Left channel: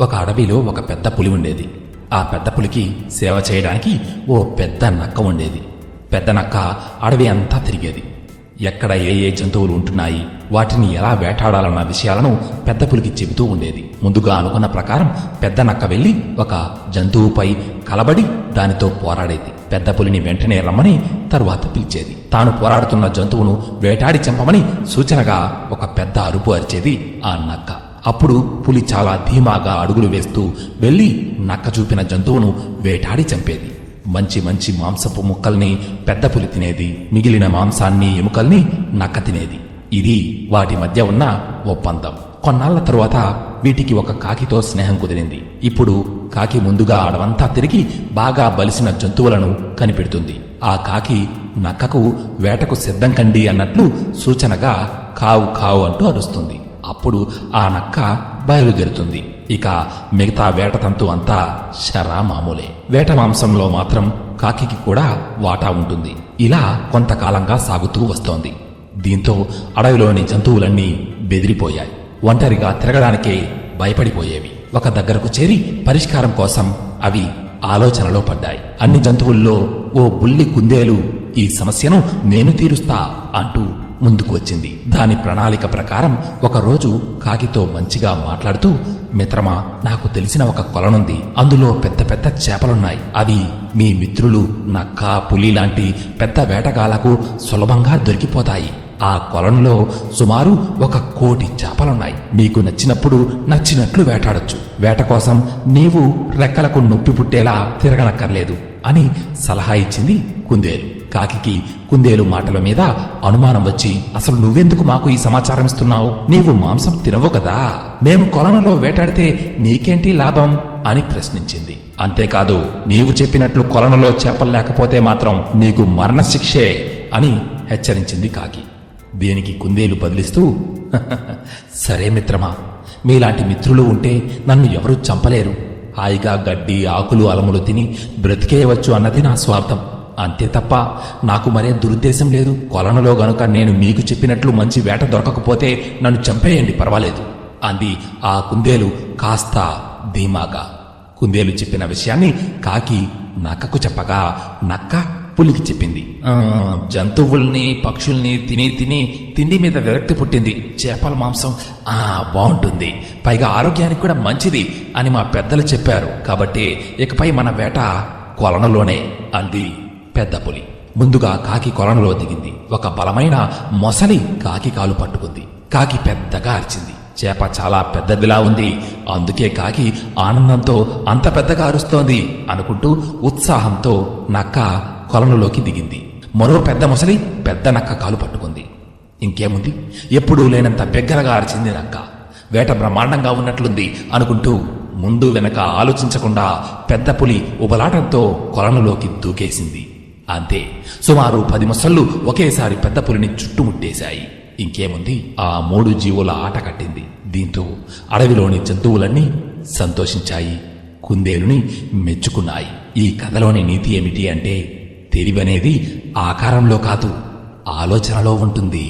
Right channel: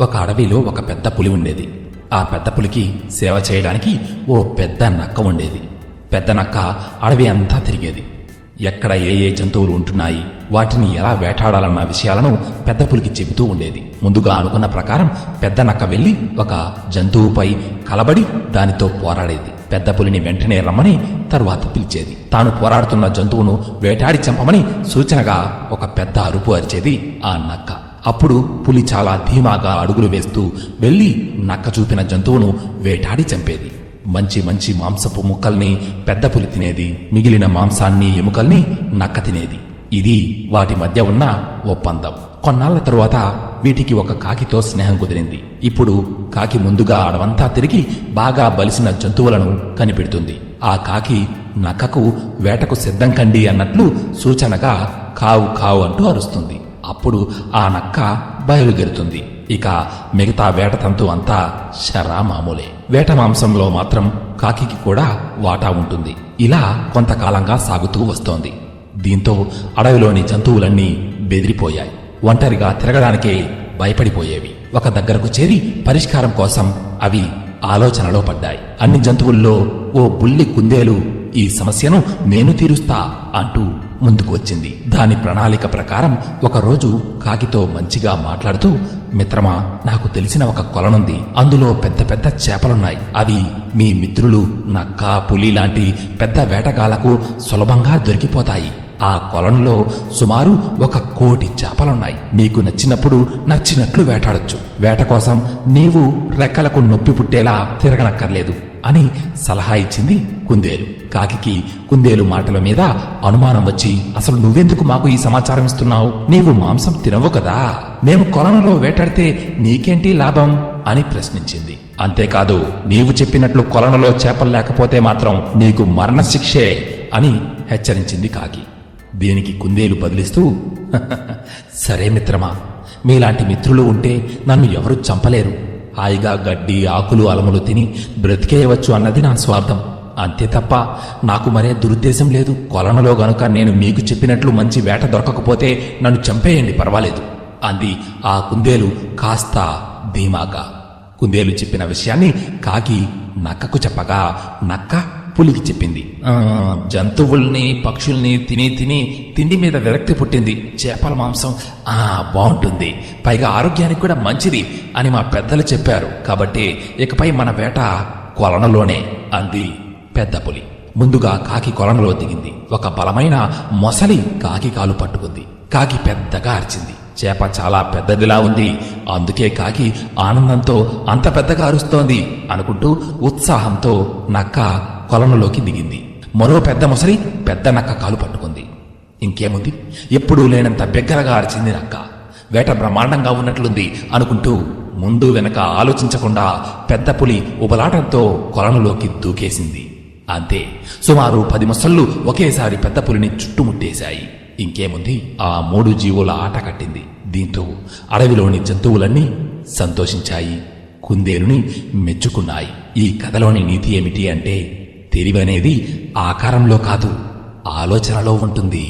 ఒక అడవిలో ఒక పెద్ద పులి ఉండేది. ఆ పెద్ద పులికి సేవ చేయడానికి ఓ పెద్ద నక్క ఉండేది. పెద్ద నక్క అడవి అంతా తిరిగేది. ఎక్కడ ఏ ఏ జంతువులు ఉంటున్నాయి, వాటిని ఎలా వేటాడాలన్న విషయాలను పెద్ద పులికి చెబుతూ ఉండేది. ముందుగా అనుకున్న ప్రకారం పెద్ద నక్క వెళ్లి ఒక జంతువుపై కలబడి దానితో పోరాడేది. పెద్ద పులిని వెంటనే రమ్మని తర్వాత పిలిచేది. తాను పోరాడుతున్న జంతువును వేటాడి చంపమని సూచనగా ఒక పెద్ద అరుపు అరిచేది ఆ నక్క. అప్పుడు పులి చాలా ధీమాగా అడుగులు వేస్తూ వెళ్లి నక్క చూపిన జంతువును వేటాడి చంపేది. మంచి మంచి మాంసపు ముక్కల్ని పెద్ద పులి తినేది, మిగిలిన మాంసాన్ని ఎముకల్ని నక్క తినేది. ఇది వాటి మధ్య ఉన్న ఒప్పందం. కొన్నాళ్ల తరువాత వీటికి ఒక కాకితో స్నేహం కుదిరింది. ఇప్పుడు కాకి ముందుగా అడవంతా తిరిగి బాగా బలిసిన జంతువులను కనిపెడుతుంది. ఆ కాకి నక్కకు వేటకు సిద్ధం కండి అన్నట్లు సూచనగా కావు కావు అంటూ అరుస్తుంది. అప్పుడు ఆ నక్క బయలుదేరుతుంది. ఇక మిగతా వేట తంతు అంతా శరా మామూలే. వేట మాంసంలో మాత్రం కాకికి కూడా వాటా ఉంటుంది. ఇలా కొంతకాలంగా సాగుతూ వస్తోంది. దీంతో అడవిలోని జంతువులన్నీ బెదిరిపోయాయి. ఒంటరిగా తిరగడానికే భయపడిపోయేవి. ఒక దగ్గరకు చేరి పరిష్కారం కోసం అవి ఆలోచనలో పడ్డాయి. అన్ని జంతువుల్లో ఓ బుల్లి కుందేలు ఈ సమస్యను నేను తీరుస్తా అంటూ ముందుకు వచ్చింది. దాని ప్రణాళిక ప్రకారం ఒకరోజు కాకితో మంచిగా మాట్లాడుతూ, మిత్రమా, నాకు తెలిసిన ఒక కొలనుంది. అందులో పెద్ద పెద్ద చేపలున్నాయి. అవి మీ మిత్రులు నక్క, పులి లాంటి పెద్ద వేటగాళ్లకు సులభంగా దొరికిపోతాయి. ఆ కొలనులో సుమారు 1,00,00,000 చేపలున్నాయి. మీకు నచ్చినప్పుడు నచ్చినట్లు వేటాడొచ్చు. వేట కోసం నీవు రెక్కలకు నొప్పి పుట్టేలా తిరగనక్కర్లేదు అని సలహా ఇచ్చింది కుందేలు. కాకికి కుందేలు మాటల మీద అనుమానం వచ్చి, అసలు నువ్వెందుకు మాకు ఈ సమాచారం ఇస్తున్నావు? నీవు మాంసం తినవు కదా, మేము కొలనులో వేటాడితే నీకేంటి లాభం అని ప్రశ్నించింది. అంతేకాదు, నీవు చెప్పినట్లు కొలనులో చేపలు లేకపోతే మాత్రం నీకు మరణశిక్షే అని హెచ్చరించింది కాకి. దీనికి కుందేలు బదిలిస్తూ, సరే మిత్రమా, మీలాంటి మిత్రులు ఉంటే నన్ను ఎవరూ చంపలేరు. హాయిగా గడ్డి, ఆకులు, అలములు తిని బ్రతికేయవచ్చు అన్నది నా స్వార్థం. అంతే తప్ప నాకు మరే దురుద్దేశం లేదు. కొలనులో గనుక నేను మీకు చెప్పినట్లు మంచి వేట దొరకకపోతే నన్ను చంపేయండి, పర్వాలేదు అంది ఆ కుందేలు కాస్త ధీమాగా. కుందేలు చెప్పిన విషయాన్ని కాకి నక్కకు చెప్పగా నక్క పులికి చెప్పింది. జంతువుల్ని, పక్షుల్ని తిని తిని తిండి మీద విరక్తి పుట్టింది. చేపల మాంసం బాగుంటుంది, పైగా ఆరోగ్యానికి కూడా మంచిది అని మా పెద్దలు చెప్పారు. కాబట్టి ఇకపై మన వేట కొలనులోనే అంది పెద్ద పులి. ముందుగా కాకి కొలనులో దిగింది. ఒక బలమైన మొసలి కాకి కాలు పట్టుకుంది. కాకి పెద్దగా అరిచింది. చేప చాలా పెద్దదిలా ఉంది, అందుకే కాకి ఆనందంతో అంత పెద్దగా అరుస్తోంది అనుకుంటూ ఉత్సాహంతో నక్క కొలనులోకి దిగింది. మరో పెద్ద మొసలి పెద్ద నక్క కాలు పట్టుకుంది. ఇంకేముంది, ఎప్పుడూ లేనంత బిగ్గరగా అరిచింది నక్క. వేట బ్రహ్మాండంగా ఉన్నట్లుంది అనుకుంటూ ముందు వెనక ఆలోచించకుండా పెద్ద పులి ఉబలాటంతో కొలనులోకి దూకేసింది. అంతే, సుమారు 10 మొసళ్ళు ఒకేసారి పెద్ద పులిని చుట్టుముట్టేశాయి. ఇంకేముంది, ఆ 3 జీవుల ఆట కట్టింది. దీంతో అడవిలోని జంతువులన్నీ సంతోషించాయి, కుందేలుని మెచ్చుకున్నాయి. ఈ కథలోని నీతి ఏమిటి అంటే, తెలివనేది ఆకారంలో కాదు, ఆలోచనలో ఉంటుంది.